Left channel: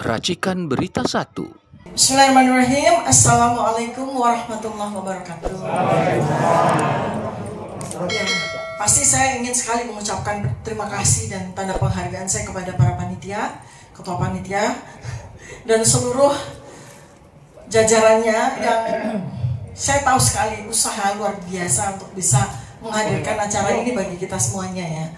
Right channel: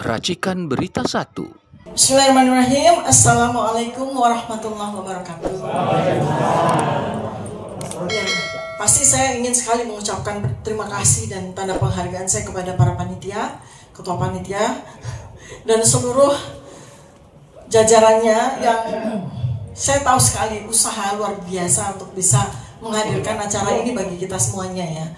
Racikan Berita 1. Bismillahirrahmanirrahim. Assalamualaikum warahmatullahi wabarakatuh. Pasti saya ingin sekali mengucapkan terima kasih dan tanda penghargaan saya kepada para panitia, ketua panitia, dan seluruh jajarannya yang saya tahu sekali usaha luar biasa untuk bisa menghadirkan acara ini bagi kita semuanya ya.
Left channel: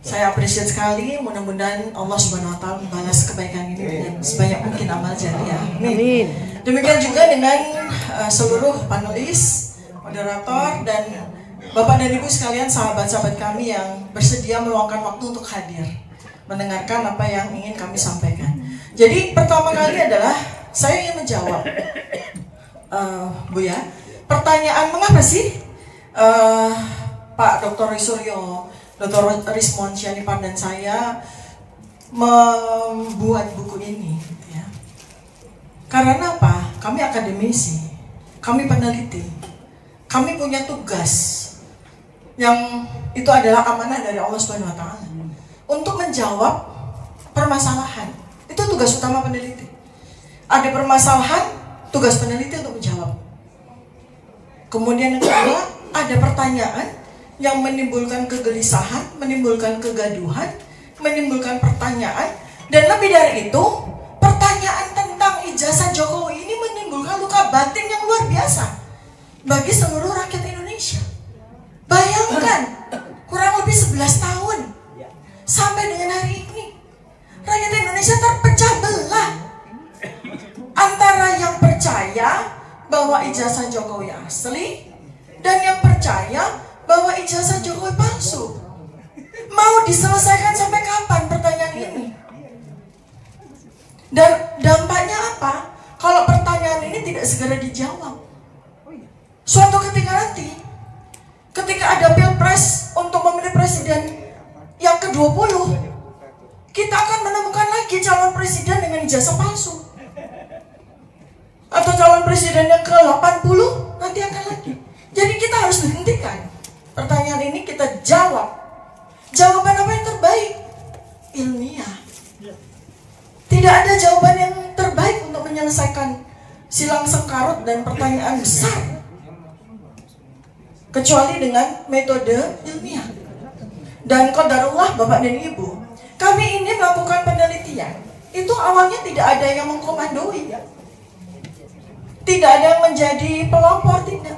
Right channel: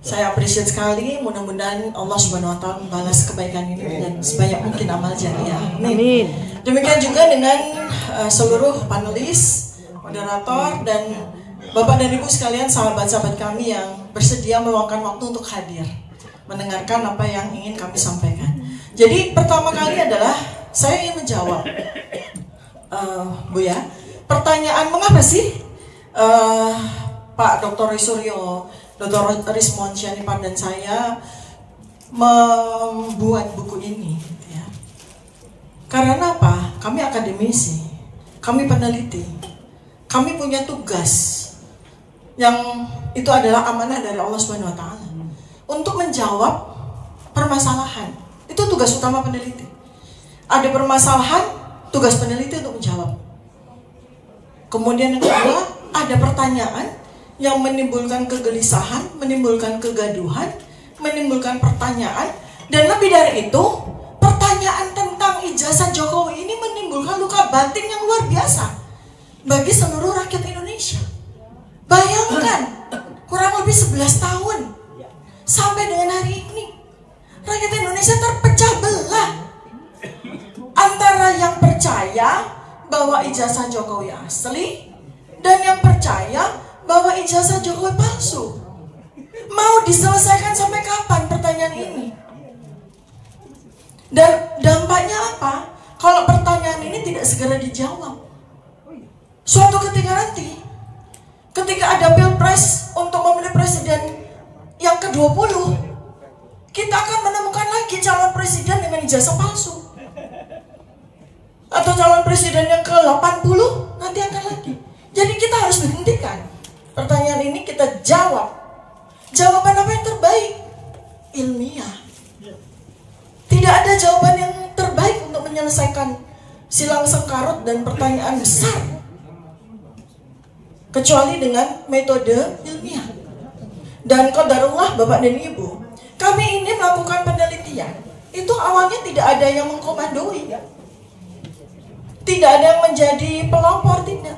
Saya appreciate sekali, mudah-mudahan Allah Subhanahu wa Ta'ala membalas kebaikan ini dengan sebanyak mungkin amal jariah. Amin. Demikian juga dengan seluruh panelis, moderator, dan Bapak dan Ibu sekalian, sahabat-sahabat kami yang bersedia meluangkan waktu untuk hadir mendengarkan apa yang ingin kami sampaikan. Jadi pertama kali adalah saya ingin menjawab, Bu ya, pertanyaan mengapa sih Pak Dr. Suryo, Dr. Rismon Syanipan dan saya membuat buku ini ya. Karena apa? Kami akademisi, kami peneliti, kami punya tugas yang itu adalah amanah dari Allah Subhanahu wa Ta'ala untuk menjawab permasalahan. Itu tugas utama peneliti. Ada permasalahan, tugas peneliti untuk menjawab. Kemudian yang kedua, ada pertanyaan yang menimbulkan kegelisahan, menimbulkan kegaduhan, menimbulkan pertanyaan, dan lebih dari itu, pertanyaan tentang ijazah Jokowi ini menimbulkan luka batin yang luar biasa bagi seluruh rakyat Indonesia. Bayangkan, kurang lebih 11 tahun sampai dengan hari ini, rakyat Indonesia terpecah belah antara yang percaya bahwa ijazah Jokowi asli dan yang percaya bahwa ijazah Jokowi palsu. Mau diselesaikan sampai kapan pertanyaan ini? Dan dampaknya apa kalau pertanyaan ini tidak segera dijawab? Suatu ketika nanti, ketika ada pilpres untuk memilih presiden yang ke-20, kita akan menemukan lagi calon presiden dengan ijazah palsu. Atau calon presiden yang ke-80 nanti akan lagi. Jadi kita harus berhentikan. Pertanyaan ini kita jawab. Jawaban apa yang terbaik? Ilmiah. Tidak ada jawaban yang terbaik untuk menyelesaikan silang sengkarut dan pertanyaan besar kecuali dengan metode ilmiah. Dan qadarullah Bapak dan Ibu, kami ini melakukan penelitian. Itu awalnya tidak ada yang mengkomandoi, tidak ada yang menjadi pelopor, tidak.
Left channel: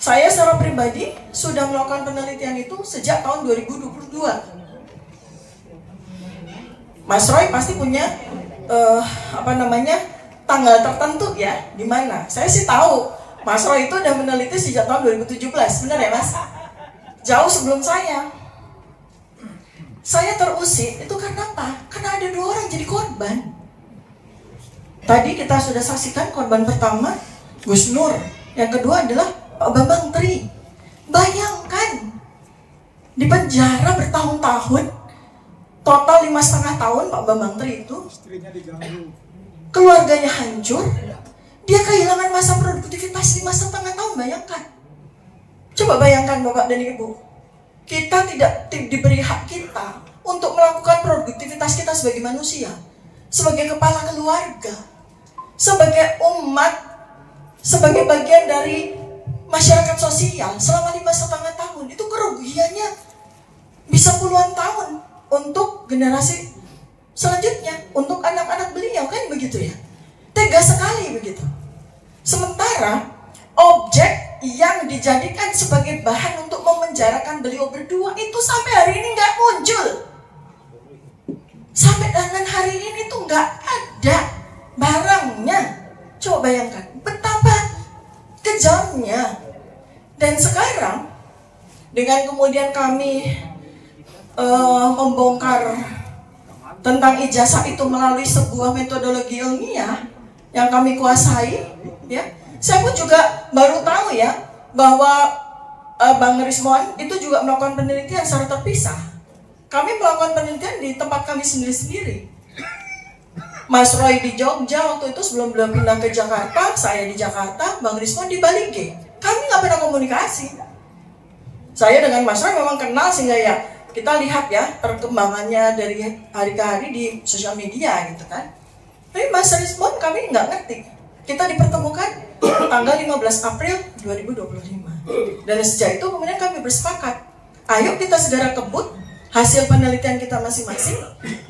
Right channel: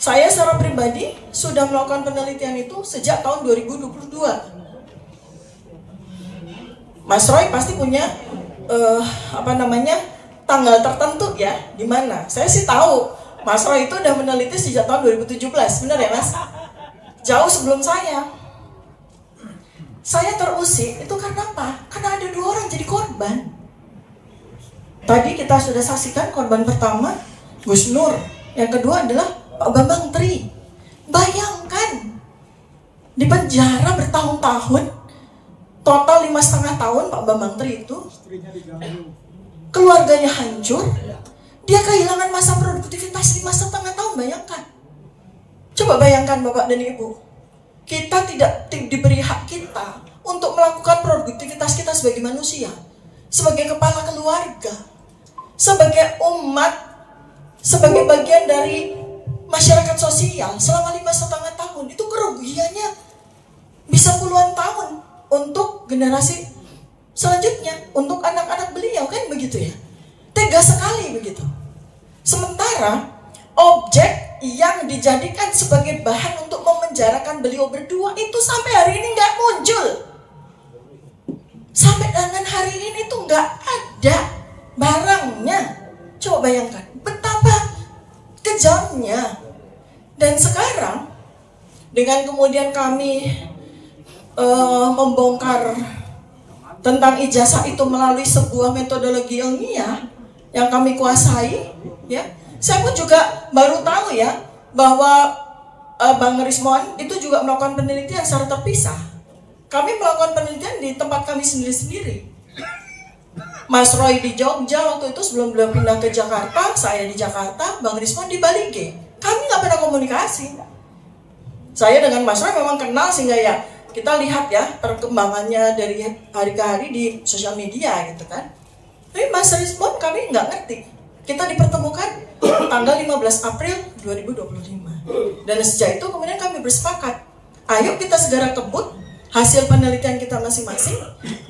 Saya secara pribadi sudah melakukan penelitian itu sejak tahun 2022. Mas Roy pasti punya tanggal tertentu ya, di mana. Saya sih tahu Mas Roy itu udah meneliti sejak tahun 2017, benar ya Mas? Jauh sebelum saya. Saya terusik itu karena apa? Karena ada 2 orang jadi korban. Tadi kita sudah saksikan korban pertama Gus Nur, yang kedua adalah Pak Bambang Tri. Bayangkan, di penjara bertahun-tahun, total 5,5 tahun Pak Bambang Tri itu, keluarganya hancur, dia kehilangan masa produktivitas 5,5 tahun. Bayangkan, coba bayangkan Bapak dan Ibu, kita tidak diberi hak kita untuk melakukan produktivitas kita sebagai manusia, sebagai kepala keluarga, sebagai umat, sebagai bagian dari masyarakat sosial selama 5,5 tahun. Itu kerugiannya bisa puluhan tahun untuk generasi selanjutnya, untuk anak-anak beliau, kan begitu ya. Tega sekali begitu. Sementara objek yang dijadikan sebagai bahan untuk memenjarakan beliau berdua itu sampai hari ini nggak muncul. Sampai dengan hari ini tuh nggak ada barangnya. Coba bayangkan betapa kejamnya. Dan sekarang dengan kemudian kami membongkar tentang ijazah itu melalui sebuah metodologi ilmiah yang kami kuasai ya, saya pun juga baru tahu ya bahwa Bang Rismon itu juga melakukan penelitian secara terpisah. Kami melakukan penelitian di tempat kami sendiri-sendiri. Mas Roy di Jogja waktu itu sebelum beliau pindah ke Jakarta, saya di Jakarta, Bang Rismon di Bali G. Kami nggak pernah komunikasi. Saya dengan Mas Roy memang kenal sehingga ya kita lihat ya perkembangannya dari hari ke hari di sosial media gitu kan. Tapi Mas Respon kami nggak ngerti. Kita dipertemukan tanggal 15 April 2025. Dan sejak itu kemudian kami bersepakat, ayo kita segera kebut hasil penelitian kita masing-masing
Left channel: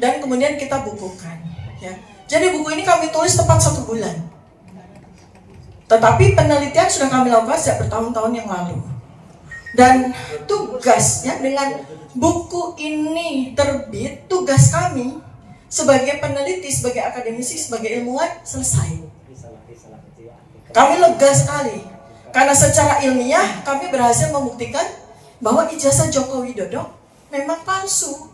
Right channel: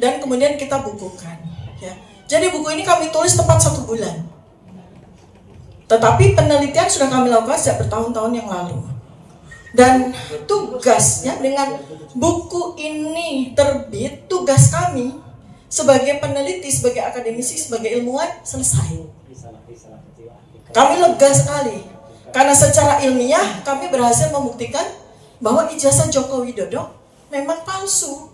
dan kemudian kita bukukan. Ya. Jadi buku ini kami tulis tepat 1 bulan. Tetapi penelitian sudah kami lakukan sejak bertahun-tahun yang lalu. Dan tugasnya dengan buku ini terbit, tugas kami sebagai peneliti, sebagai akademisi, sebagai ilmuwan selesai. Kami lega sekali karena secara ilmiah kami berhasil membuktikan bahwa ijazah Joko Widodo memang palsu.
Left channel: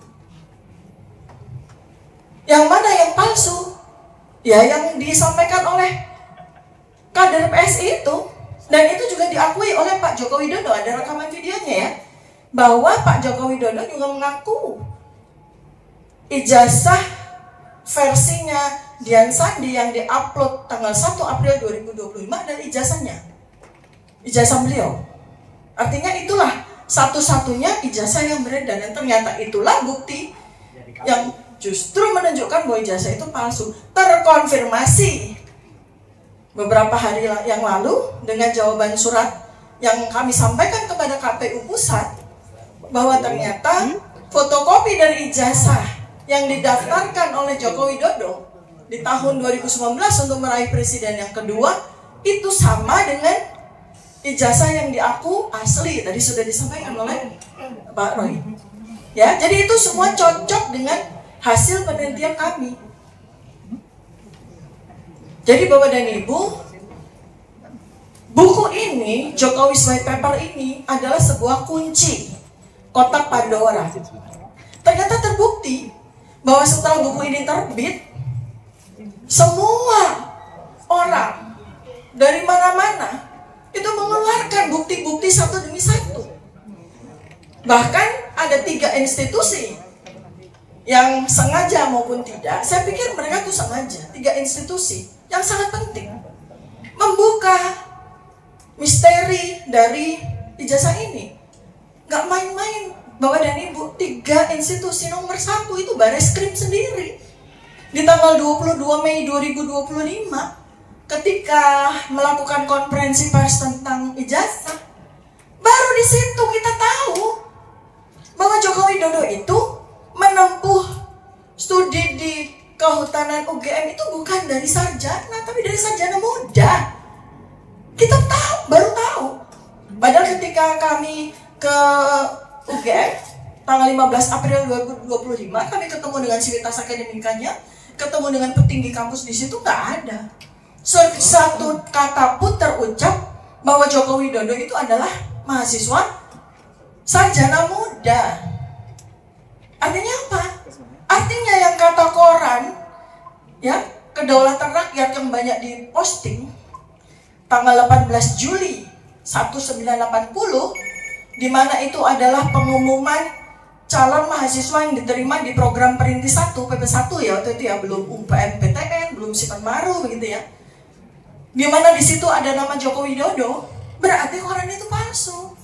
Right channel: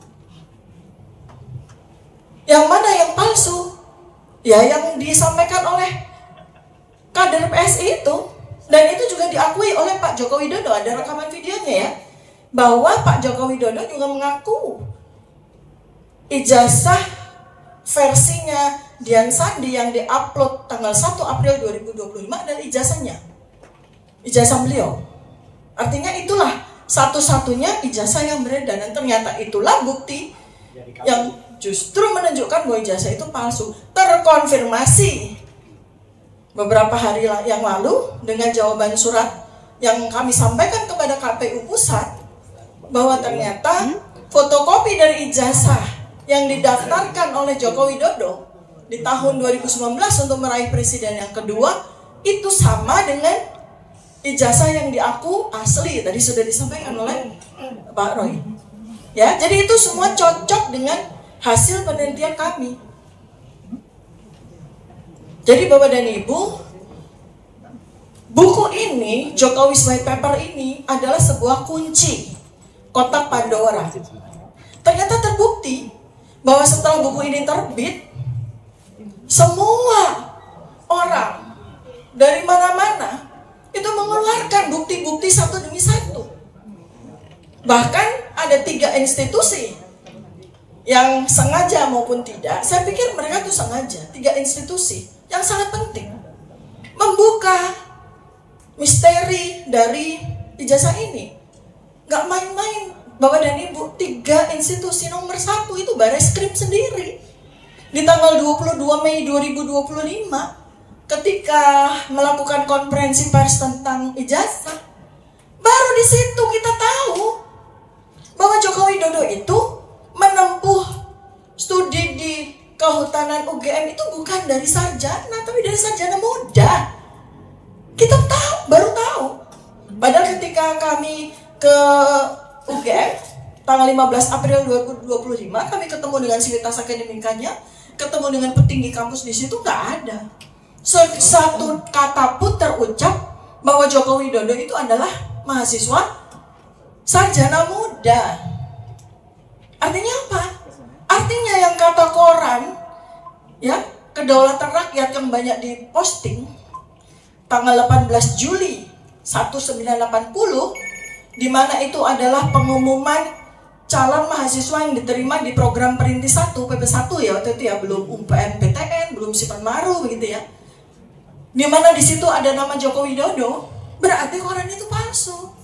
Yang mana yang palsu? Ya yang disampaikan oleh kader PSI itu. Dan itu juga diakui oleh Pak Joko Widodo, ada rekaman videonya ya, bahwa Pak Joko Widodo juga mengaku ijazah versinya Dian Sandi yang diupload tanggal 1 April 2025 adalah ijazahnya, ijazah beliau. Artinya itulah satu-satunya ijazah yang beredar, dan ternyata itulah bukti yang justru menunjukkan bahwa ijazah itu palsu. Terkonfirmasi beberapa hari yang lalu dengan jawaban surat yang kami sampaikan kepada KPU Pusat, bahwa ternyata fotokopi dari ijazah yang didaftarkan oleh Joko Widodo di tahun 2019 untuk meraih presiden yang kedua itu sama dengan ijazah yang diaku asli, tadi sudah disampaikan oleh Pak Roy. Ya, jadi itu semua cocok dengan hasil penelitian kami. Jadi Bapak dan Ibu, buku ini, Jokowi's White Paper ini adalah sebuah kunci kotak Pandora. Ternyata terbukti bahwa setelah buku ini terbit, semua orang dari mana-mana itu mengeluarkan bukti-bukti satu demi satu. Bahkan ada 3 institusi yang sengaja maupun tidak, saya pikir mereka tuh sengaja, 3 institusi yang sangat penting membuka misteri dari ijazah ini. Gak main-main Bapak dan Ibu, 3 institusi nomor 1 itu Bareskrim sendiri. Di tanggal 22 Mei 2025 ketika melakukan konferensi pers tentang ijazah, baru di situ kita tahu bahwa Joko Widodo itu menempuh studi di Kehutanan UGM itu bukan dari sarjana, tapi dari sarjana muda. Kita tahu, baru tahu. Padahal ketika kami ke UGM tanggal 15 April 2025, kami ketemu dengan sivitas akademikanya, ketemu dengan petinggi kampus di situ, nggak ada satu kata pun terucap bahwa Joko Widodo itu adalah mahasiswa sarjana muda. Artinya apa? Artinya yang kata koran, ya, Kedaulatan Rakyat yang banyak diposting tanggal 18 Juli 1980, di mana itu adalah pengumuman calon mahasiswa yang diterima di program Perintis 1, PP1 ya waktu itu ya, belum UMPTN, belum Sipan Maru begitu ya. Di mana di situ ada nama Joko Widodo, berarti koran itu palsu.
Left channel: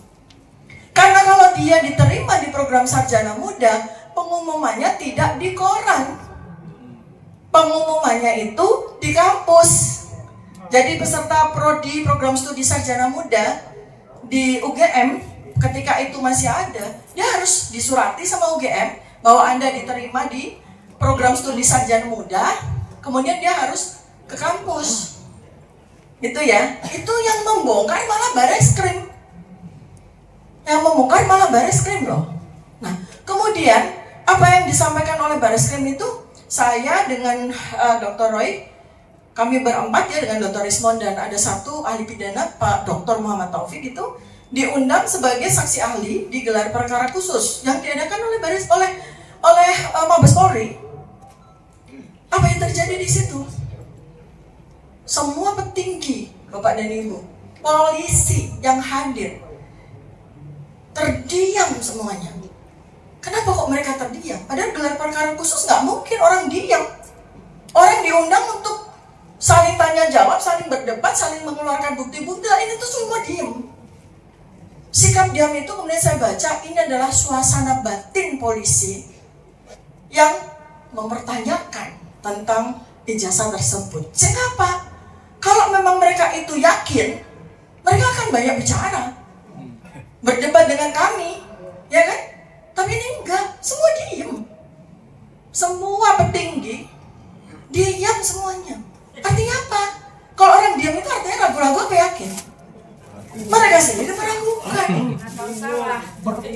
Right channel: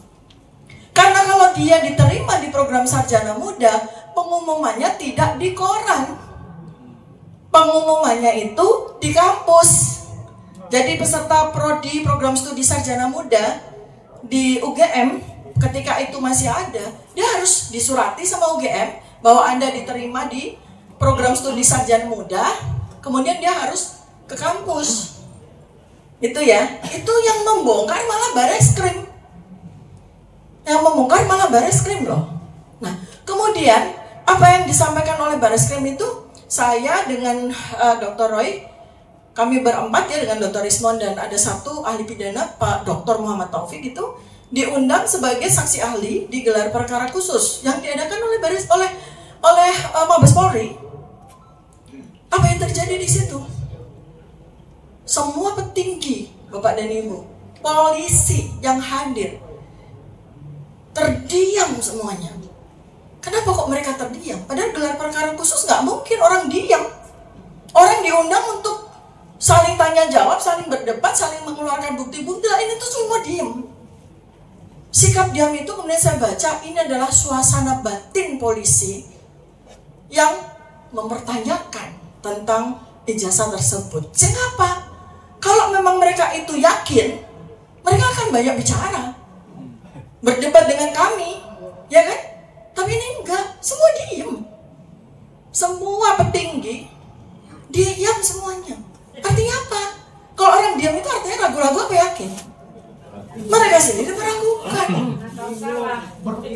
Karena kalau dia diterima di program sarjana muda, pengumumannya tidak di koran. Pengumumannya itu di kampus. Jadi peserta prodi program studi sarjana muda di UGM ketika itu masih ada, dia harus disurati sama UGM bahwa Anda diterima di program studi sarjana muda, kemudian dia harus ke kampus. Itu ya, itu yang membongkar malah Bareskrim. Yang membongkar malah Bareskrim loh. Nah, kemudian apa yang disampaikan oleh Bareskrim itu, saya dengan Dr. Roy, kami berempat ya dengan Dr. Rismond dan ada satu ahli pidana Pak Dr. Muhammad Taufik itu diundang sebagai saksi ahli di gelar perkara khusus yang diadakan oleh Mabes Polri. Apa yang terjadi di situ? Semua petinggi, Bapak dan Ibu, polisi yang hadir terdiam semuanya. Kenapa kok mereka terdiam? Padahal gelar perkara khusus nggak mungkin orang diam. Orang diundang untuk saling tanya jawab, saling berdebat, saling mengeluarkan bukti-bukti. Ini tuh semua diam. Sikap diam itu kemudian saya baca ini adalah suasana batin polisi yang mempertanyakan tentang ijazah tersebut. Kenapa? Kalau memang mereka itu yakin, mereka akan banyak bicara, berdebat dengan kami, ya kan? Tapi ini enggak, semua diem. Semua petinggi diam semuanya. Artinya apa? Kalau orang diam itu artinya ragu-ragu apa yakin? Mereka sendiri meragukan.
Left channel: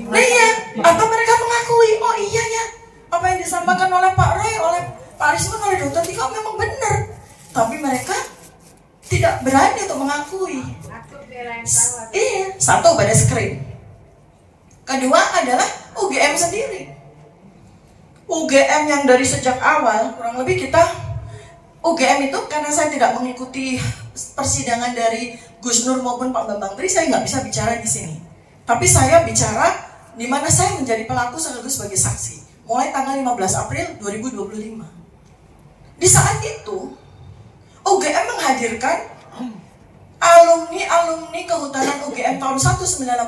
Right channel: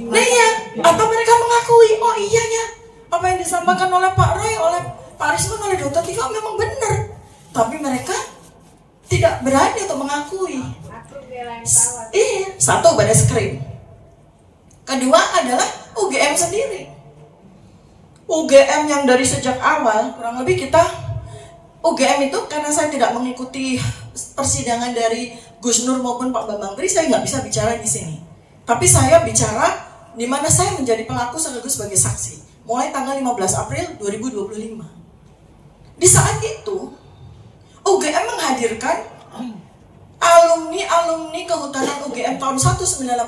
Nah iya, atau mereka mengakui, oh iya ya, apa yang disampaikan oleh Pak Roy, oleh Pak Risman, oleh Dr. Tiko memang benar. Tapi mereka tidak berani untuk mengakui. Iya, satu baris krim. Kedua adalah UGM sendiri. UGM yang dari sejak awal, kurang lebih kita UGM itu, karena saya tidak mengikuti persidangan dari Gus Nur maupun Pak Bambang Tri, saya nggak bisa bicara di sini. Tapi saya bicara di mana saya menjadi pelaku sekaligus sebagai saksi. Mulai tanggal 15 April 2025. Di saat itu, UGM menghadirkan alumni kehutanan UGM tahun 1980.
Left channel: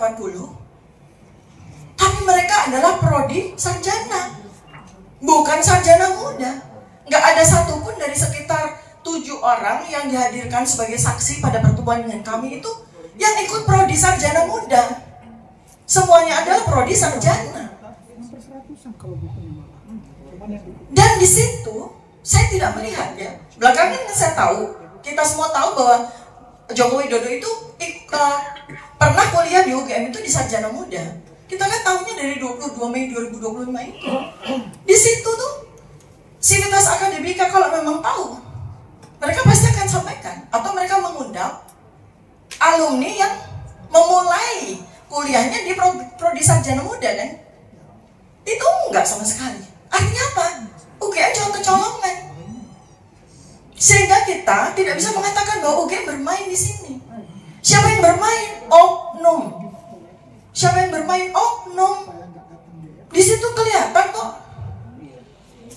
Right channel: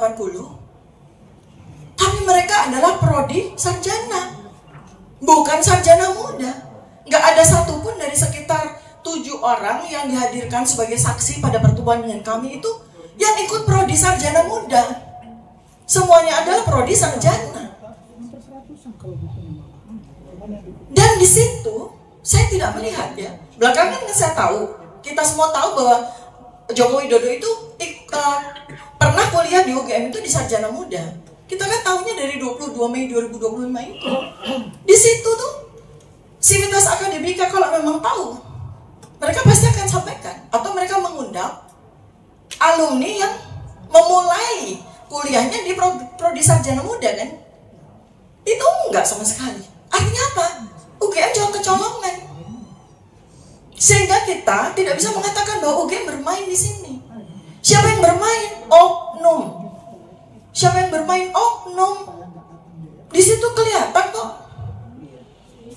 Tapi mereka adalah prodi sarjana, bukan sarjana muda. Nggak ada satupun dari sekitar 7 orang yang dihadirkan sebagai saksi pada pertemuan dengan kami itu yang ikut prodi sarjana muda. Semuanya adalah prodi sarjana. Dan di situ saya tidak melihat ya. Belakangan saya tahu, kita semua tahu bahwa Joko Widodo itu pernah kuliah di UGM itu di sarjana muda. Kita kan tahunya dari 22 Mei 2025 itu. Di situ tuh Sivitas Akademika kalau memang tahu, mereka pasti akan sampaikan. Atau mereka mengundang alumni yang memulai kuliahnya di prodi sarjana muda kan. Itu enggak sama sekali. Artinya apa? UGM cuma kecolongan. Sehingga kita tidak bisa mengatakan bahwa UGM bermain di sini. Siapa yang bermain? Oknum. Siapa yang bermain? Oknum. Di situ kelihatan kok,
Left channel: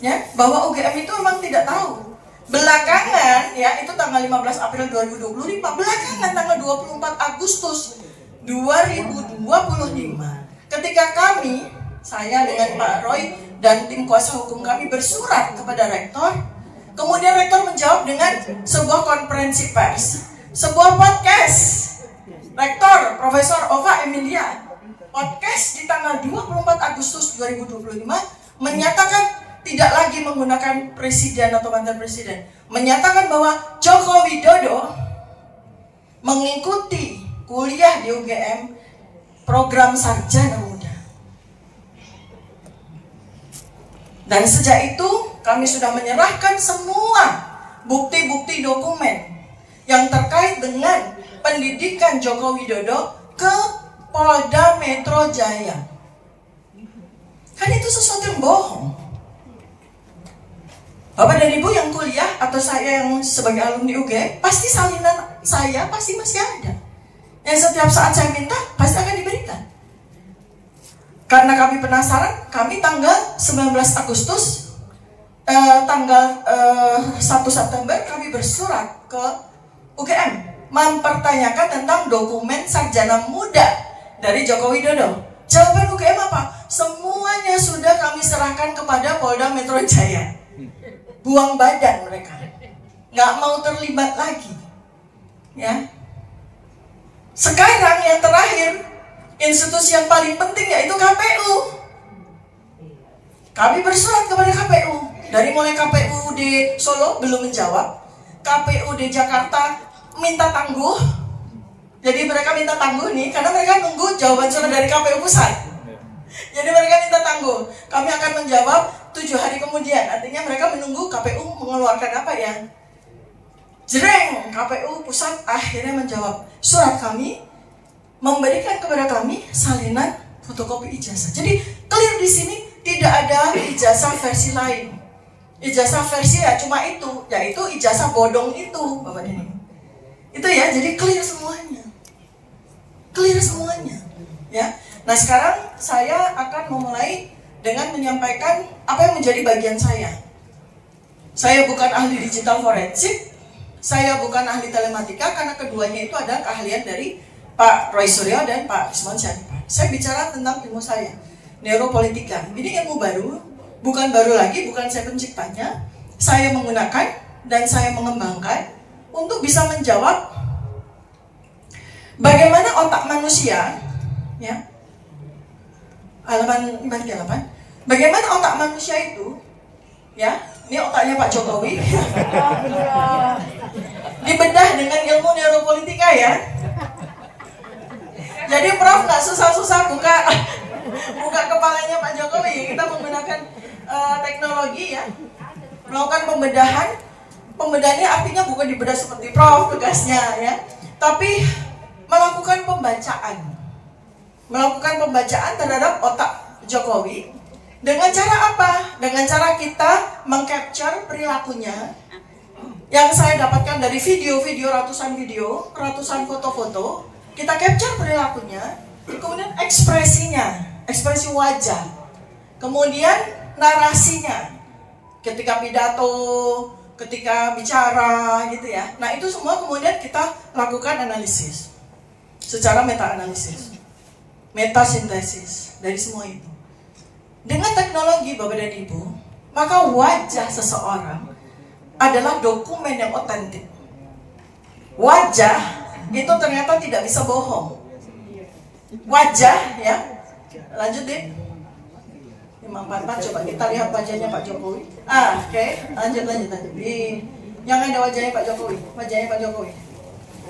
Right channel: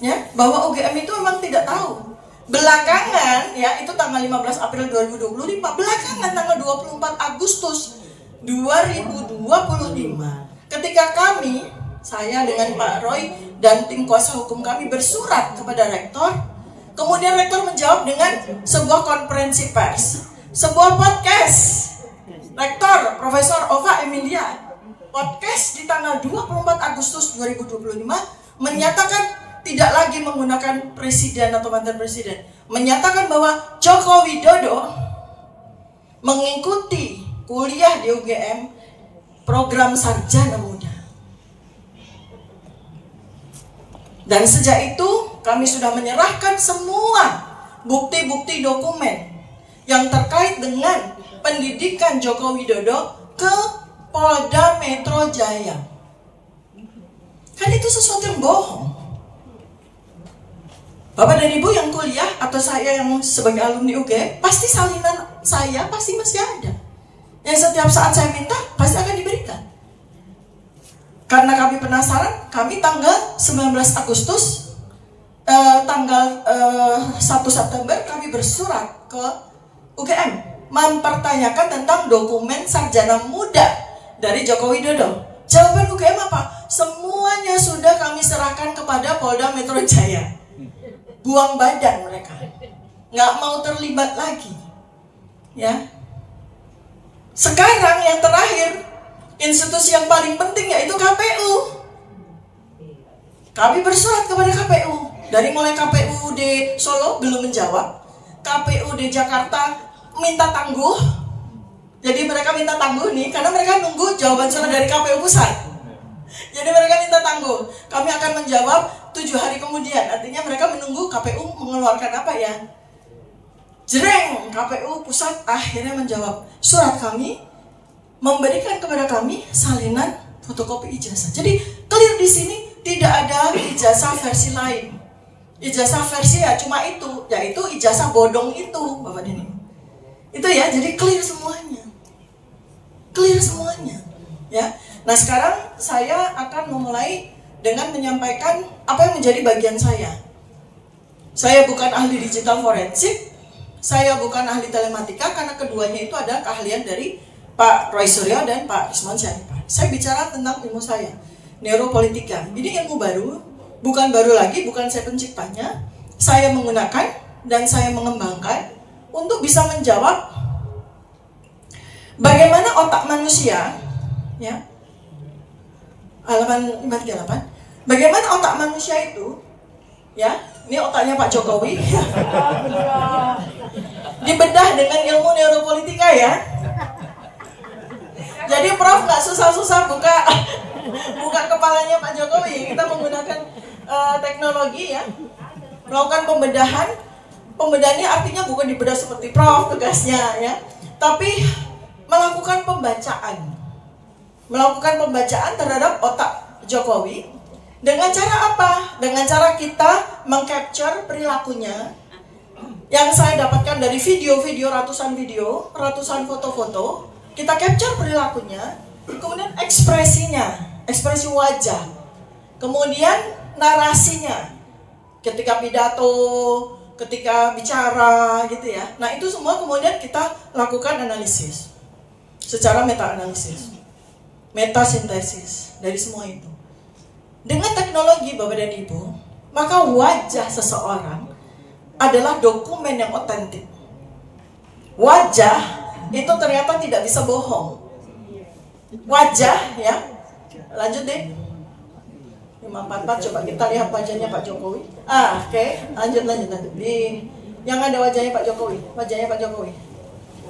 ya, bahwa UGM itu memang tidak tahu. Belakangan, ya, itu tanggal 15 April 2025. Belakangan tanggal 24 Agustus 2025, ketika kami, saya dengan Pak Roy dan tim kuasa hukum kami bersurat kepada rektor. Kemudian rektor menjawab dengan sebuah konferensi pers, sebuah podcast. Rektor Profesor Ova Emilia podcast di tanggal 24 Agustus 2025 menyatakan tidak lagi menggunakan presiden atau mantan presiden, menyatakan bahwa Joko Widodo mengikuti kuliah di UGM program sarjana muda. Dan sejak itu kami sudah menyerahkan semua bukti-bukti dokumen yang terkait dengan pendidikan Joko Widodo ke Polda Metro Jaya. Kan itu sesuatu yang bohong. Bapak dan Ibu yang kuliah atau saya yang sebagai alumni UGM, pasti salinan saya pasti masih ada. Yang setiap saat saya minta pasti akan diberikan. Karena kami penasaran, kami tanggal 19 Agustus tanggal 1 September kami bersurat ke UGM mempertanyakan tentang dokumen sarjana muda dari Joko Widodo. Jawaban UGM apa? Semuanya sudah kami serahkan kepada Polda Metro Jaya. Buang badan mereka, nggak mau terlibat lagi. Ya. Sekarang yang terakhir, institusi yang paling penting yaitu KPU. Kami bersurat kepada KPU. Dari mulai KPU di Solo belum menjawab, KPU di Jakarta minta tangguh. Jadi mereka minta tangguh nih, karena mereka nunggu jawaban surat dari KPU pusat. Jadi mereka minta tangguh. Kami akan menjawab 7 hari kemudian. Artinya mereka menunggu KPU mengeluarkan apa ya. Jreng, KPU pusat akhirnya menjawab surat kami, memberikan kepada kami salinan fotokopi ijazah. Jadi clear di sini, tidak ada ijazah versi lain. Ijazah versi ya cuma itu, yaitu ijazah bodong itu, Bapak dan Ibu. Itu ya, jadi clear semuanya. Clear semuanya. Ya. Nah, sekarang saya akan memulai dengan menyampaikan apa yang menjadi bagian saya. Saya bukan ahli digital forensik, saya bukan ahli telematika, karena keduanya itu adalah keahlian dari Pak Roy Suryo dan Pak Usman Syarifat. Saya bicara tentang ilmu saya, neuropolitika. Ini ilmu baru, bukan baru lagi, bukan saya penciptanya. Saya menggunakan dan saya mengembangkan untuk bisa menjawab bagaimana otak manusia, ya, halaman 48, bagaimana otak manusia itu, ya, ini otaknya Pak Jokowi, dibedah dengan ilmu neuropolitika ya. Jadi Prof nggak susah-susah buka kepalanya Pak Jokowi. Kita menggunakan teknologi ya, melakukan pembedahan. Pembedahannya artinya bukan dibedah seperti Prof tugasnya ya, tapi melakukan pembacaan terhadap otak Jokowi. Dengan cara apa? Dengan cara kita mengcapture perilakunya yang saya dapatkan dari ratusan foto-foto. Kita capture perilakunya, kemudian ekspresi wajah, kemudian narasinya, ketika pidato, ketika bicara gitu ya. Nah itu semua kemudian kita lakukan analisis secara meta-analisis, metasintesis dari semua itu. Dengan teknologi Bapak dan Ibu, maka wajah seseorang adalah dokumen yang otentik. Wajah itu ternyata tidak bisa bohong. Wajah ya, lanjut deh. 544, coba kita lihat wajahnya Pak Jokowi. Oke. Lanjut. Di yang ada wajahnya Pak Jokowi.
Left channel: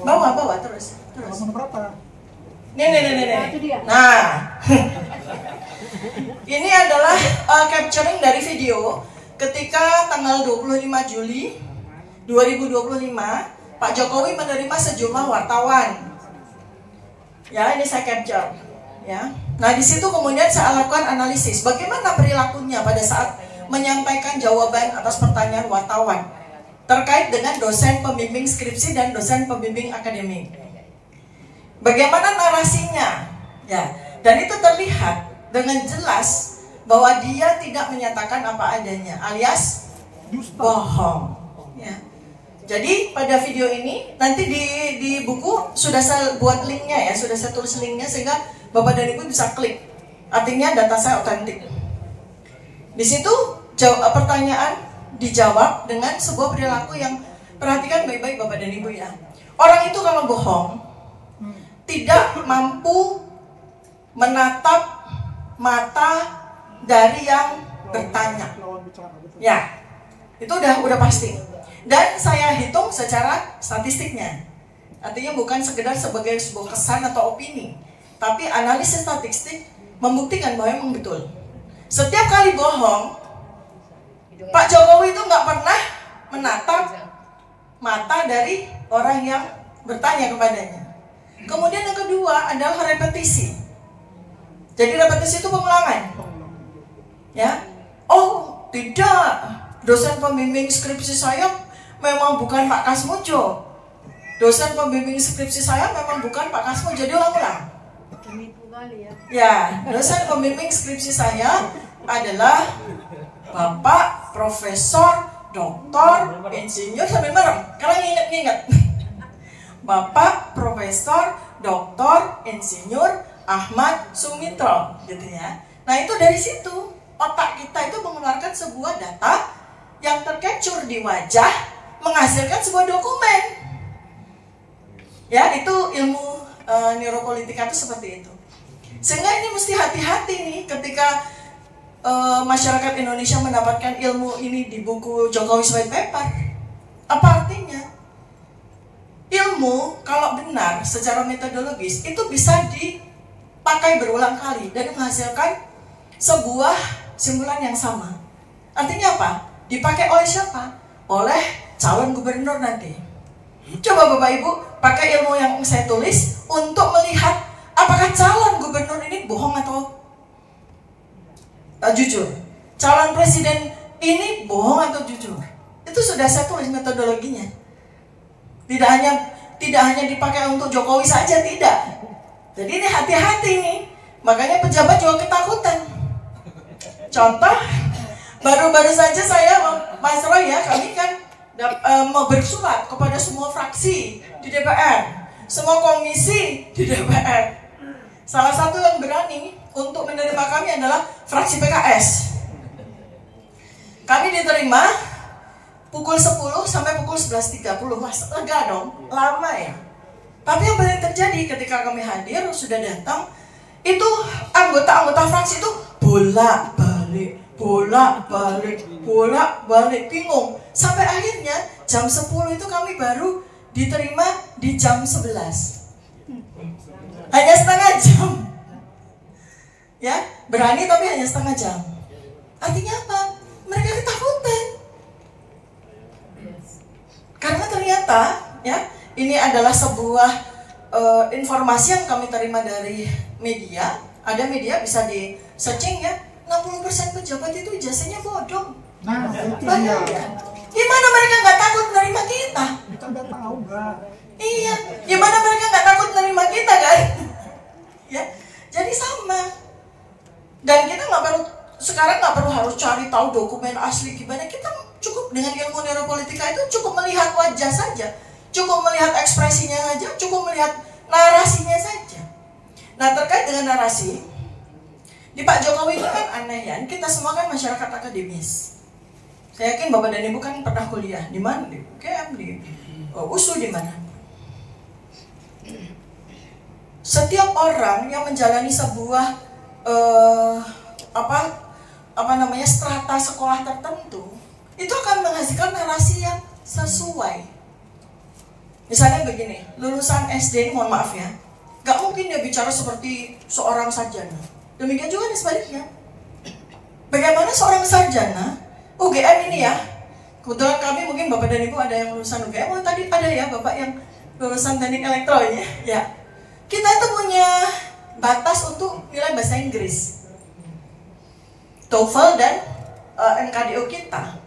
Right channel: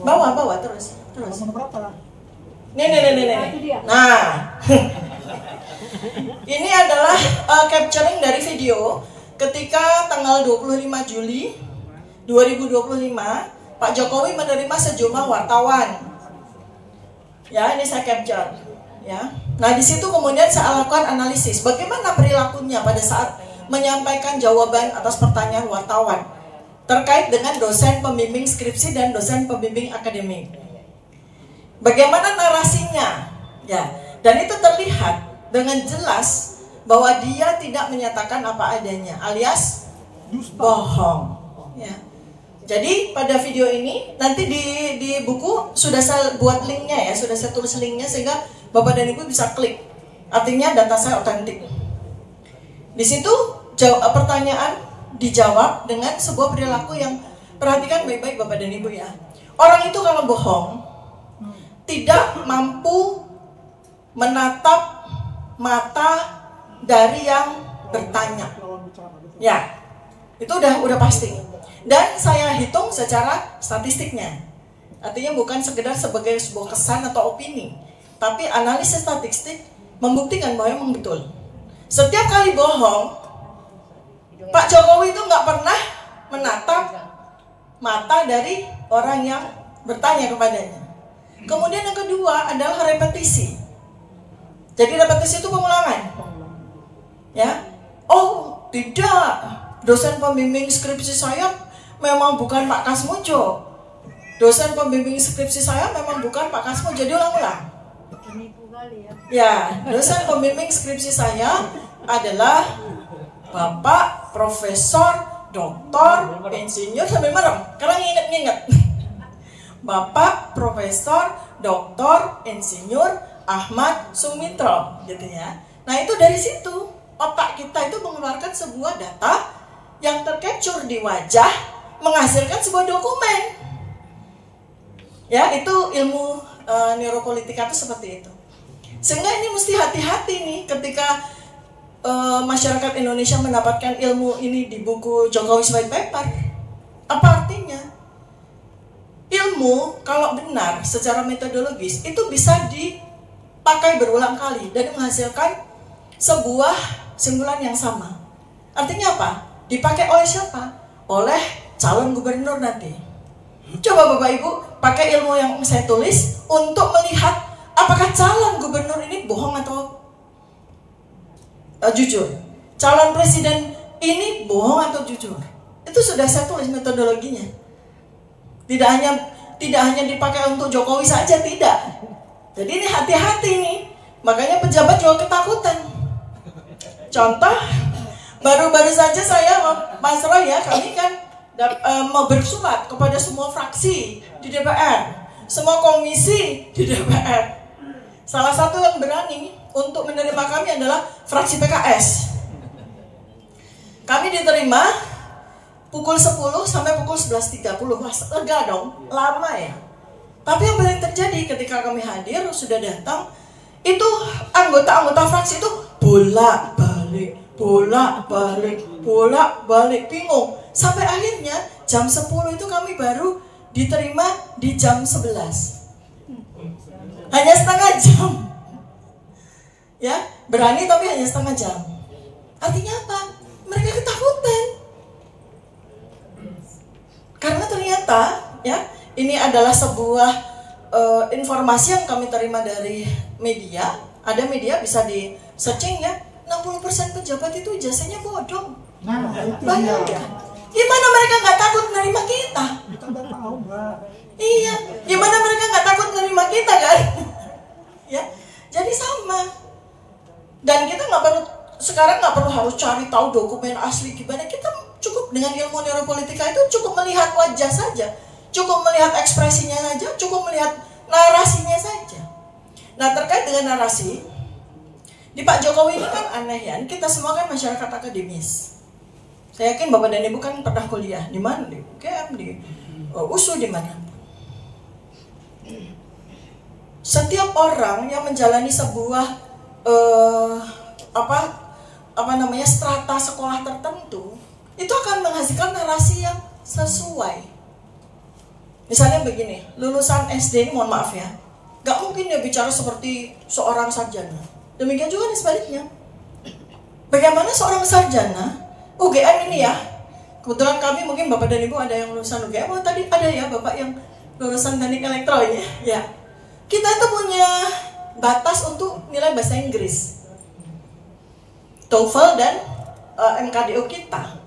Bawa terus. Nih. Nah. Ini adalah capturing dari video ketika tanggal 25 Juli 2025 Pak Jokowi menerima sejumlah wartawan. Ya, ini saya capture. Ya. Nah, di situ kemudian saya lakukan analisis bagaimana perilakunya pada saat menyampaikan jawaban atas pertanyaan wartawan terkait dengan dosen pembimbing skripsi dan dosen pembimbing akademik. Bagaimana narasinya? Ya, dan itu terlihat dengan jelas bahwa dia tidak menyatakan apa adanya, alias bohong. Ya. Jadi pada video ini nanti di buku sudah saya buat linknya ya, sudah saya tulis linknya sehingga Bapak dan Ibu bisa klik. Artinya data saya otentik. Di situ pertanyaan dijawab dengan sebuah perilaku yang perhatikan baik-baik Bapak dan Ibu ya. Orang itu kalau bohong tidak mampu menatap mata dari yang bertanya. Ya, itu udah pasti. Dan saya hitung secara statistiknya. Artinya bukan sekedar sebagai sebuah kesan atau opini, tapi analisis statistik membuktikan bahwa memang betul. Setiap kali bohong, Pak Jokowi itu nggak pernah menatap mata dari orang yang bertanya kepadanya. Kemudian yang kedua adalah repetisi. Jadi repetisi itu pengulangan. Ya, oh tidak, dosen pembimbing skripsi saya memang bukan Pak Kasmujo. Dosen pembimbing skripsi saya memang bukan Pak Kasmujo. Jadi ulang-ulang. Ya, dosen pembimbing skripsi saya adalah Bapak Profesor Doktor Insinyur sambil merem. Karena ingat. Bapak Profesor Doktor Insinyur Ahmad Sumitro, gitu ya. Nah itu dari situ otak kita itu mengeluarkan sebuah data yang tercapture di wajah, menghasilkan sebuah dokumen. Ya, itu ilmu neuropolitika itu seperti itu. Sehingga ini mesti hati-hati nih ketika masyarakat Indonesia mendapatkan ilmu ini di buku Jokowi's White Paper. Apa artinya? Ilmu kalau benar secara metodologis itu bisa dipakai berulang kali dan menghasilkan sebuah simpulan yang sama. Artinya apa? Dipakai oleh siapa? Oleh calon gubernur nanti. Coba Bapak Ibu pakai ilmu yang saya tulis untuk melihat apakah calon gubernur ini bohong atau jujur. Calon presiden ini bohong atau jujur. Itu sudah saya tulis metodologinya. Tidak hanya dipakai untuk Jokowi saja, tidak. Jadi ini hati-hati nih. Makanya pejabat juga ketakutan. Contoh, baru-baru saja saya, Mas Roy ya, kami kan mau bersurat kepada semua fraksi di DPR, semua komisi di DPR. Salah satu yang berani untuk menerima kami adalah fraksi PKS. Kami diterima pukul 10 sampai pukul 11.30. Wah, lega dong, lama ya. Tapi yang paling terjadi ketika kami hadir, sudah datang, itu anggota-anggota fraksi itu bolak-balik, bingung. Sampai akhirnya jam 10 itu kami baru diterima di jam 11. Hanya setengah jam. Ya, berani tapi hanya setengah jam. Artinya apa? Mereka ketakutan. Karena ternyata ya, ini adalah sebuah informasi yang kami terima dari media. Ada media bisa di searching ya, 60% pejabat itu ijazahnya bodong. Bayangkan. Gimana mereka nggak takut menerima kita? Kita udah tahu nggak? Iya, gimana mereka nggak takut menerima kita kan? Ya, jadi sama. Dan kita sekarang nggak perlu harus cari tahu dokumen asli gimana. Kita cukup dengan ilmu neuropolitika itu cukup melihat wajah saja, cukup melihat ekspresinya saja, cukup melihat narasinya saja. Nah, terkait dengan narasi, di Pak Jokowi ini kan aneh ya, kita semua kan masyarakat akademis. Saya yakin Bapak dan Ibu kan pernah kuliah di mana? Di UGM, di USU, di mana? Setiap orang yang menjalani sebuah strata sekolah tertentu itu akan menghasilkan narasi yang sesuai. Misalnya begini, lulusan SD ini, mohon maaf ya, gak mungkin dia bicara seperti seorang sarjana. Demikian juga nih sebaliknya. Bagaimana seorang sarjana UGM ini ya, kebetulan kami mungkin Bapak dan Ibu ada yang lulusan UGM. Oh, tadi ada ya Bapak yang lulusan teknik elektro ya. Kita itu punya batas untuk nilai bahasa Inggris, TOEFL dan MKDO kita.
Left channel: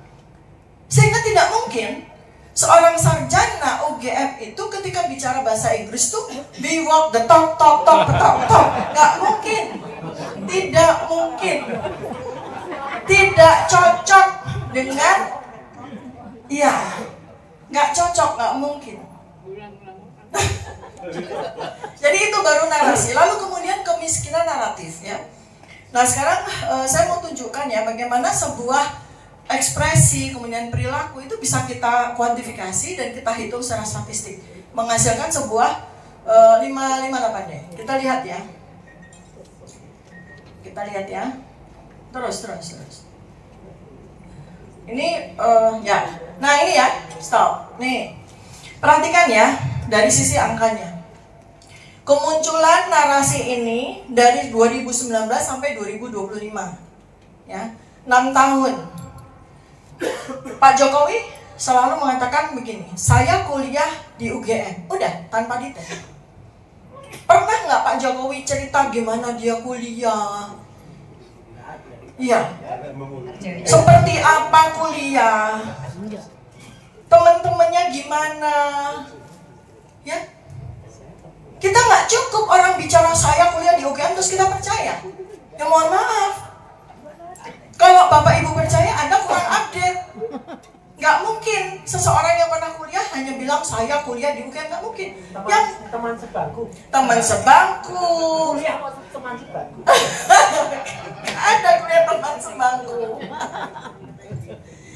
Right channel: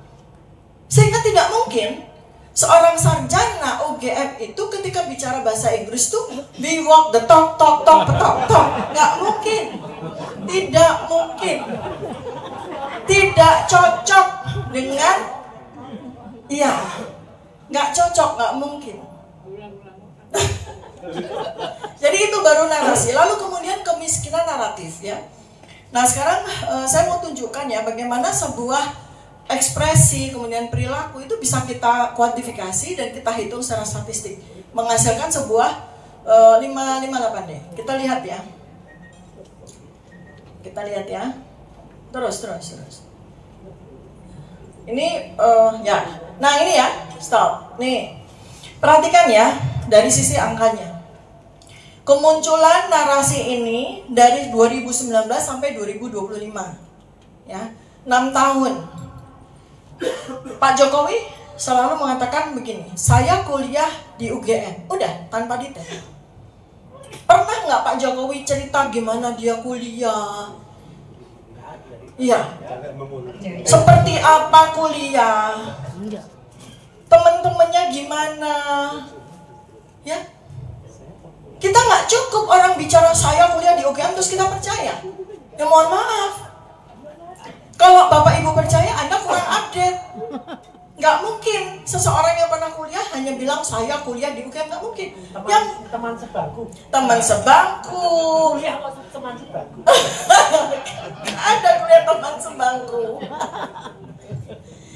Sehingga tidak mungkin seorang sarjana UGM itu ketika bicara bahasa Inggris tuh be walk the talk. Nggak mungkin. Tidak mungkin. Tidak cocok dengan nggak cocok, nggak mungkin. Jadi itu baru narasi. Lalu kemudian kemiskinan naratif ya. Nah, sekarang saya mau tunjukkan ya bagaimana sebuah ekspresi kemudian perilaku itu bisa kita kuantifikasi dan kita hitung secara statistik, menghasilkan sebuah 558D. Kita lihat ya. Terus. Ini ya. Nah, ini ya. Stop. Nih. Perhatikan ya dari sisi angkanya. Kemunculan narasi ini dari 2019 sampai 2025. Ya. 6 tahun. Pak Jokowi selalu mengatakan begini, saya kuliah di UGM. Udah, tanpa detail. Pernah nggak Pak Jokowi cerita gimana dia kuliah? Iya. Seperti apa kuliah? Teman-temannya gimana? Ya. Kita nggak cukup orang bicara saya kuliah di UGM terus kita percaya. Ya mohon maaf. Kalau Bapak Ibu percaya, Anda kurang update. Nggak mungkin seseorang yang pernah kuliah hanya bilang saya kuliah di UGM, nggak mungkin. Yang Teman sebangku. Kuliah teman sebangku. Ada kuliah teman sebangku.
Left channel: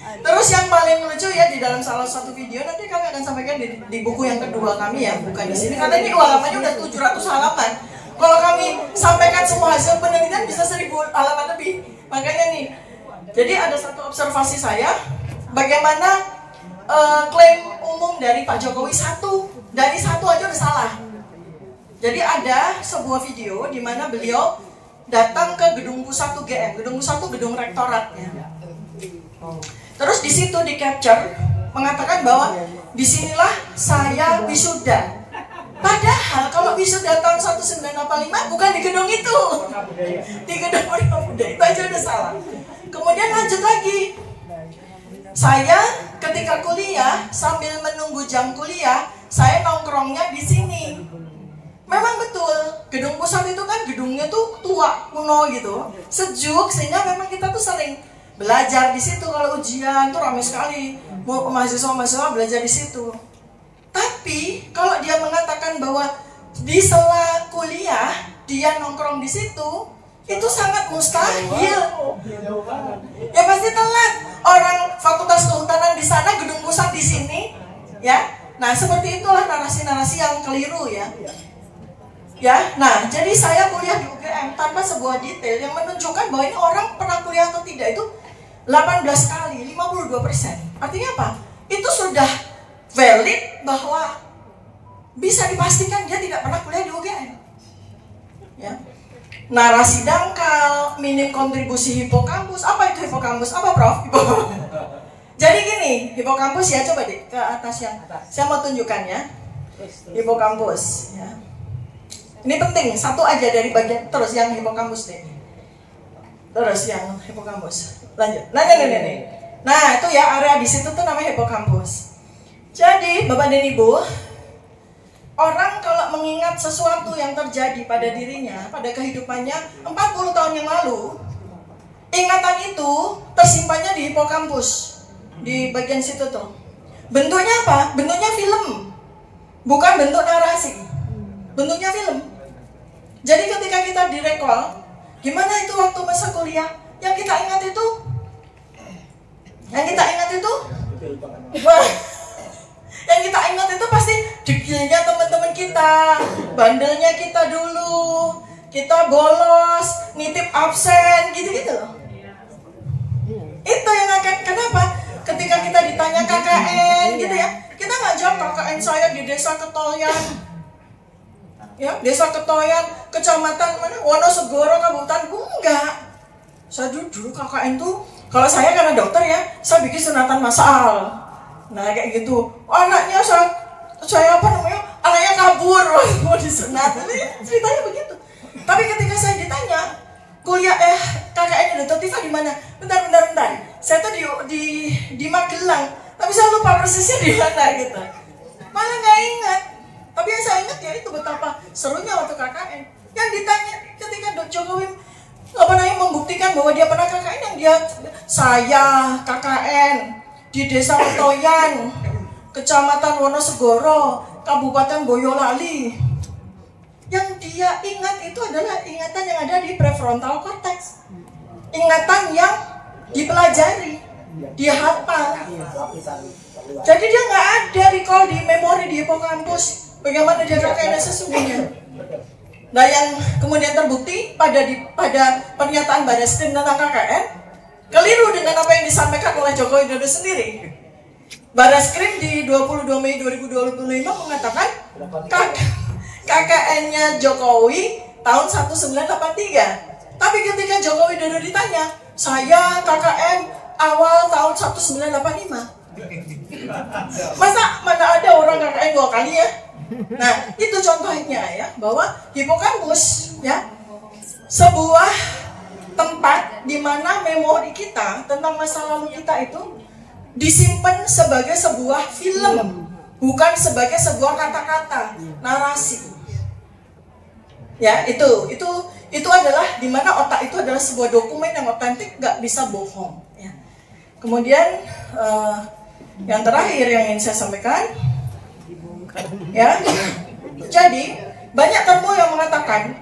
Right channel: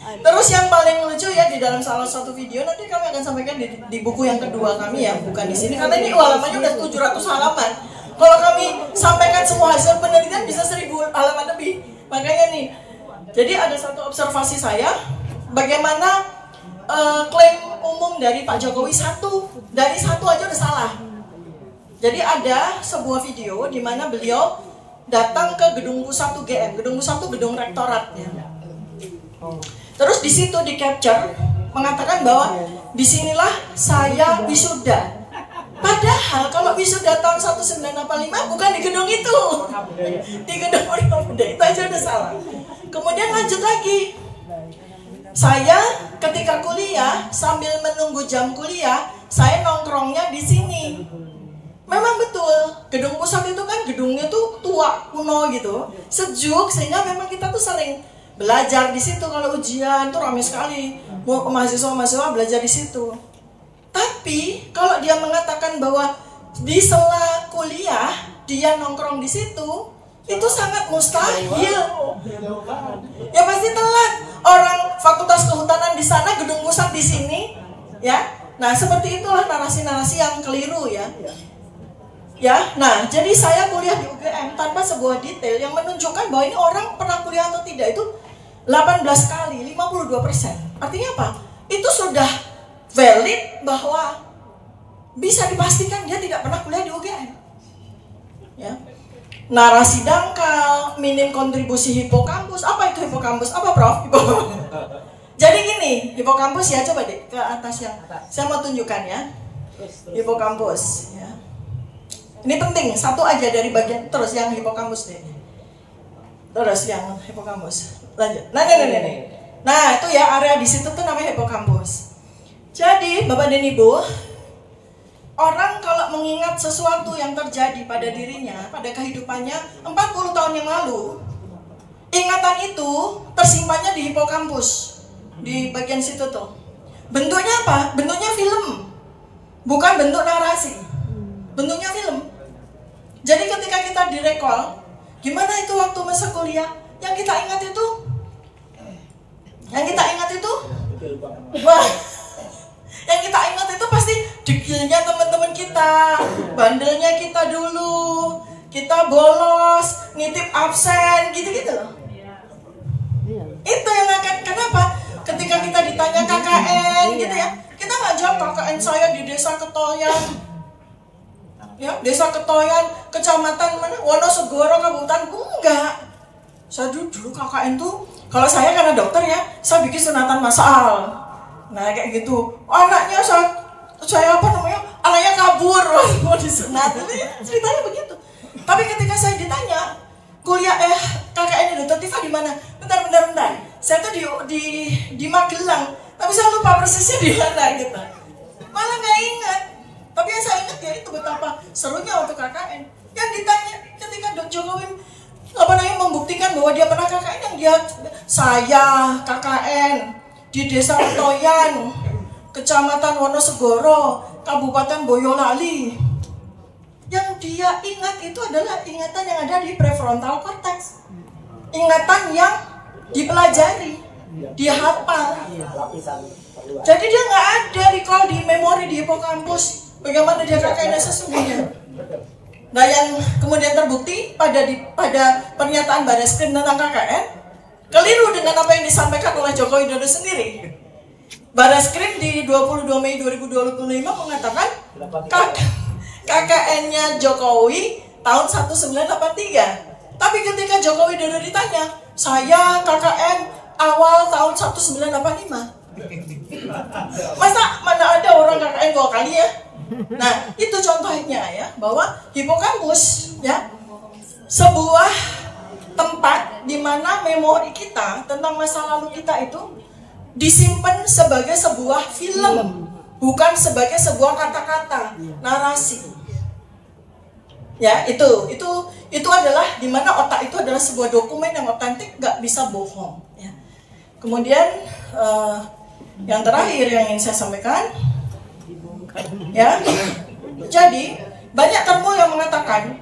Terus yang paling lucu ya di dalam salah satu video, nanti kami akan sampaikan di buku yang kedua kami ya, bukan di sini karena ini halamannya udah 700 halaman. Kalau kami sampaikan semua hasil penelitian bisa 1000 halaman lebih. Makanya nih, jadi ada satu observasi saya, bagaimana klaim umum dari Pak Jokowi dari satu aja udah salah. Jadi ada sebuah video di mana beliau datang ke gedung pusat UGM, gedung pusat itu gedung rektorat ya. Terus di situ di capture mengatakan bahwa disinilah saya wisuda. Padahal kalau wisuda tahun 1985 bukan di gedung itu, di gedung Muda itu aja udah salah. Kemudian lanjut lagi, saya ketika kuliah sambil menunggu jam kuliah, saya nongkrongnya di sini. Memang betul, gedung pusat itu kan gedungnya tuh tua, kuno gitu, sejuk sehingga memang kita tuh sering belajar di situ. Kalau ujian tuh ramai sekali, mahasiswa belajar di situ. Tapi kalau dia mengatakan bahwa di sela kuliah dia nongkrong di situ, Itu sangat mustahil. Ya pasti telat. Orang fakultas kehutanan di sana, gedung pusat di sini, ya. Nah, seperti itulah narasi-narasi yang keliru ya. Ya, nah, jadi saya kuliah di UGM tanpa sebuah detail yang menunjukkan bahwa ini orang pernah kuliah atau tidak itu 18 kali, 52%. Artinya apa? Itu sudah valid bahwa bisa dipastikan dia tidak pernah kuliah di UGM. Ya. Narasi dangkal, minim kontribusi hipokampus. Apa itu hipokampus? Apa Prof? Jadi gini, hipokampus ya, coba deh ke atas yang saya mau tunjukkan ya. Hipokampus ya. Ini penting, satu aja dari bagian terus yang hipokampus deh. Terus yang hipokampus. Lanjut. Nah, itu ya area di situ tuh namanya hipokampus. Jadi, Bapak dan Ibu, orang kalau mengingat sesuatu yang terjadi pada dirinya, pada kehidupannya 40 tahun yang lalu, ingatan itu tersimpannya di hipokampus, di bagian situ tuh. Bentuknya apa? Bentuknya film, bukan bentuk narasi. Bentuknya film. Jadi ketika kita direkall, gimana itu waktu masa kuliah? Yang kita ingat itu, wah, yang kita ingat itu pasti dekilnya teman-teman kita, bandelnya kita dulu, kita bolos, nitip absen, gitu-gitu loh. Itu yang akan, kenapa? Ketika kita ditanya KKN gitu ya, kita nggak jawab KKN saya di desa Ketoyan, ya desa Ketoyan, kecamatan mana, Wonosegoro, Kabupaten, enggak. Saya dulu KKN tuh, kalau saya karena dokter ya, saya bikin sunatan massal. Nah kayak gitu, anaknya saya apa namanya, anaknya kabur mau disunat, ceritanya begitu. Tapi ketika saya ditanya kuliah KKN Dr. Tifa di mana? Bentar. Saya tuh di Magelang, tapi saya lupa persisnya di mana gitu. Malah nggak ingat. Tapi yang saya ingat ya itu betapa serunya waktu KKN. Yang ditanya ketika Jokowi membuktikan bahwa dia pernah KKN, yang dia saya KKN di desa Utoyan, kecamatan Wonosegoro, Kabupaten Boyolali. Yang dia ingat itu adalah ingatan yang ada di prefrontal cortex, ingatan yang dipelajari, dia hafal. Jadi dia nggak ada recall di memori di hipokampus bagaimana dia KKN sesungguhnya. Nah yang kemudian terbukti pada pernyataan Barreskrim tentang KKN keliru dengan apa yang disampaikan oleh Jokowi Widodo sendiri. Barreskrim di 22 Mei 2025 mengatakan KKN-nya Jokowi tahun 1983. Tapi ketika Jokowi Widodo ditanya, saya KKN awal tahun 1985. Masa mana ada orang KKN 2 kali ya? Nah, itu contohnya ya, bahwa hipokampus ya, sebuah tempat di mana memori kita tentang masa lalu kita itu disimpan sebagai sebuah film, bukan sebagai sebuah kata-kata, narasi. Ya, itu adalah di mana otak itu adalah sebuah dokumen yang otentik, nggak bisa bohong. Ya. Kemudian yang terakhir yang ingin saya sampaikan, ya, jadi banyak temu yang mengatakan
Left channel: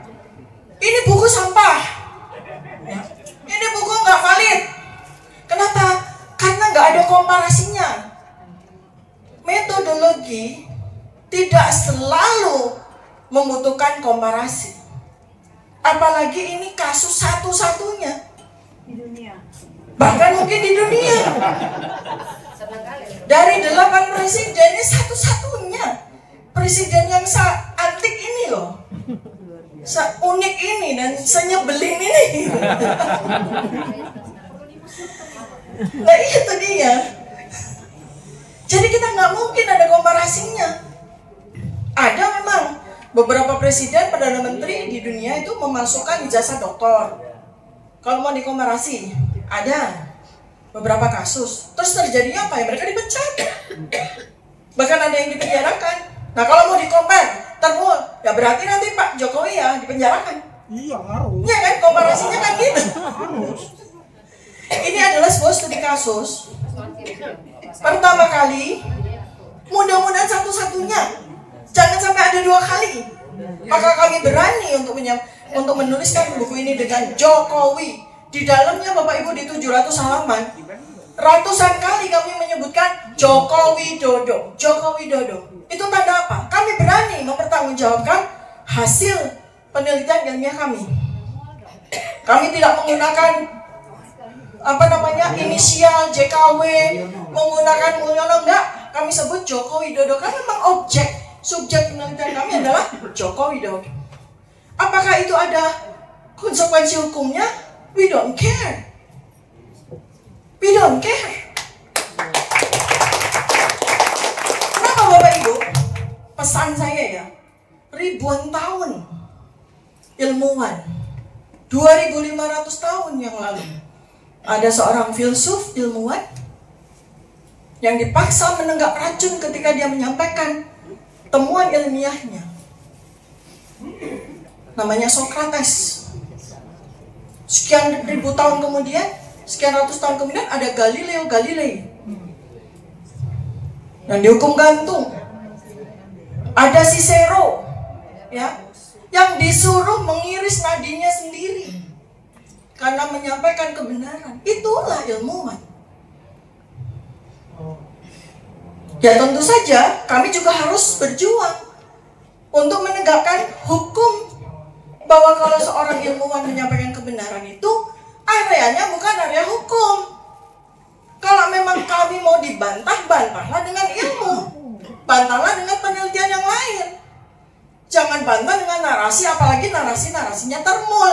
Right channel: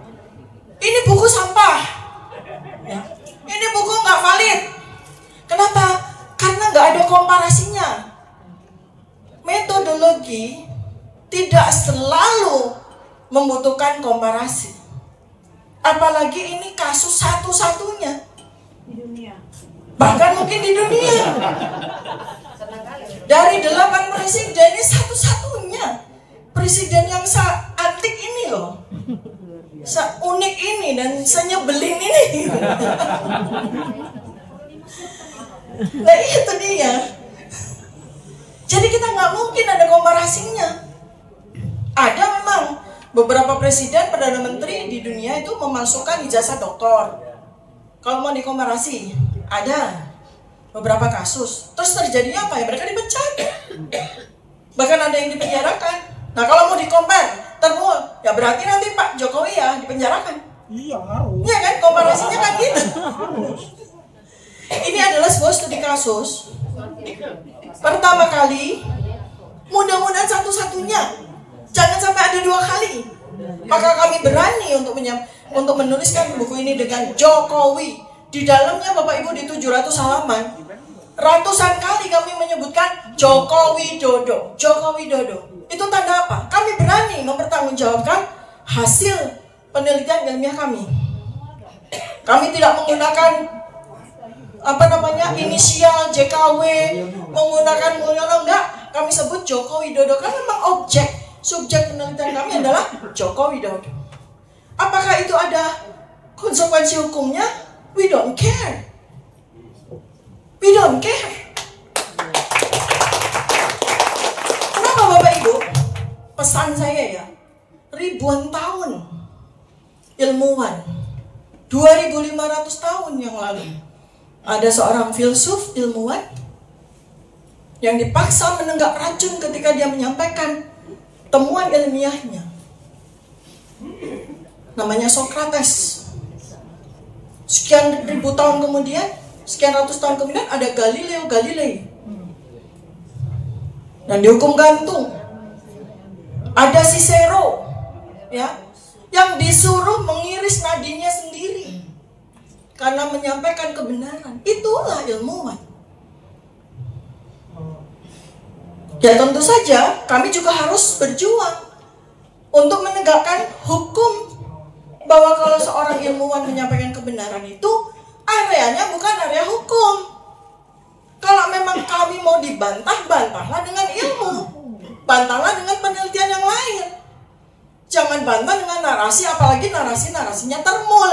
ini buku sampah, ya. Ini buku nggak valid. Kenapa? Karena nggak ada komparasinya. Metodologi tidak selalu membutuhkan komparasi. Apalagi ini kasus satu-satunya di dunia. Bahkan mungkin di dunia. Dari 8 presiden ini satu-satunya presiden yang seantik ini loh, seunik ini dan senyebelin ini. Nah itu dia. Jadi kita nggak mungkin ada komparasinya. Ada memang beberapa presiden, perdana menteri di dunia itu memasukkan ijazah doktor. Kalau mau dikomparasi, ada beberapa kasus. Terus terjadinya apa ya? Mereka dipecat. Bahkan ada yang dipenjarakan. Nah kalau mau dikompar, ya berarti nanti Pak Jokowi ya dipenjarakan. Iya, harus. Iya kan, komparasinya kan gitu. Ini adalah sebuah studi kasus. Pertama kali, mudah-mudahan satu-satunya. Jangan sampai ada 2 kali. Maka kami berani untuk menuliskan buku ini dengan Jokowi. Di dalamnya Bapak Ibu di 700 halaman, ratusan kali kami menyebutkan Jokowi Dodo, Jokowi Dodo. Itu tanda apa? Kami berani mempertanggungjawabkan hasil penelitian ilmiah kami. Kami tidak menggunakan inisial JKW, menggunakan enggak. Kami sebut Jokowi Dodo karena memang subjek penelitian kami adalah Jokowi Dodo. Apakah itu ada konsekuensi hukumnya? We don't care. We don't care. Kenapa Bapak Ibu? Pesan saya ya, ribuan tahun ilmuwan, 2500 tahun yang lalu, ada seorang filsuf ilmuwan yang dipaksa menenggak racun ketika dia menyampaikan temuan ilmiahnya. Namanya Socrates. Sekian ribu tahun kemudian, sekian ratus tahun kemudian ada Galileo Galilei dan dihukum gantung. Ada Cicero, ya, yang disuruh mengiris nadinya sendiri karena menyampaikan kebenaran. Itulah ilmuwan. Ya tentu saja kami juga harus berjuang untuk menegakkan hukum, bahwa kalau seorang ilmuwan menyampaikan kebenaran itu areanya bukan area hukum. Kalau memang kami mau dibantah, bantahlah dengan ilmu, bantahlah dengan penelitian yang lain. Jangan bantah dengan narasi, apalagi narasinya termul.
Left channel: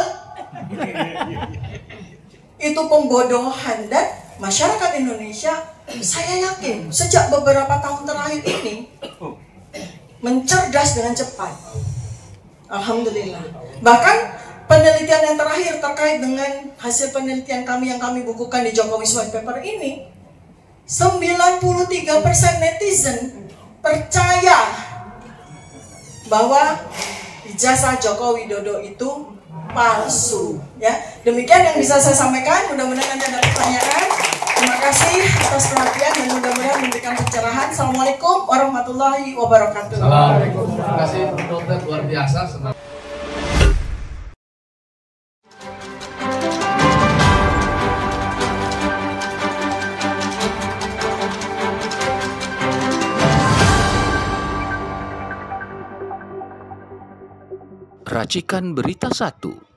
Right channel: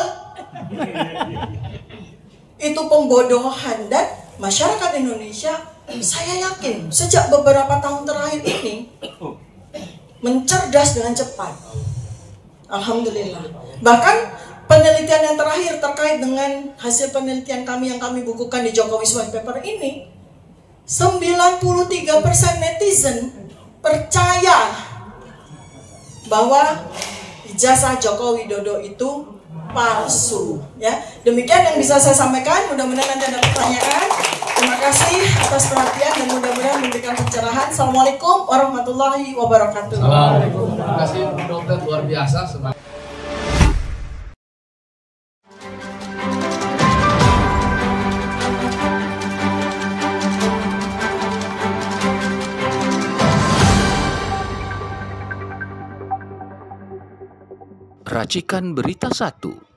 Itu pembodohan. Dan masyarakat Indonesia, saya yakin sejak beberapa tahun terakhir ini mencerdas dengan cepat. Alhamdulillah. Bahkan penelitian yang terakhir terkait dengan hasil penelitian kami yang kami bukukan di Jokowi's White Paper ini, 93% netizen percaya bahwa ijazah Joko Widodo itu palsu. Ya, demikian yang bisa saya sampaikan. Mudah-mudahan nanti ada pertanyaan. Terima kasih atas perhatian dan mudah-mudahan memberikan pencerahan. Assalamualaikum warahmatullahi wabarakatuh. Assalamualaikum. Terima kasih dokter, luar biasa. Racikan Berita 1.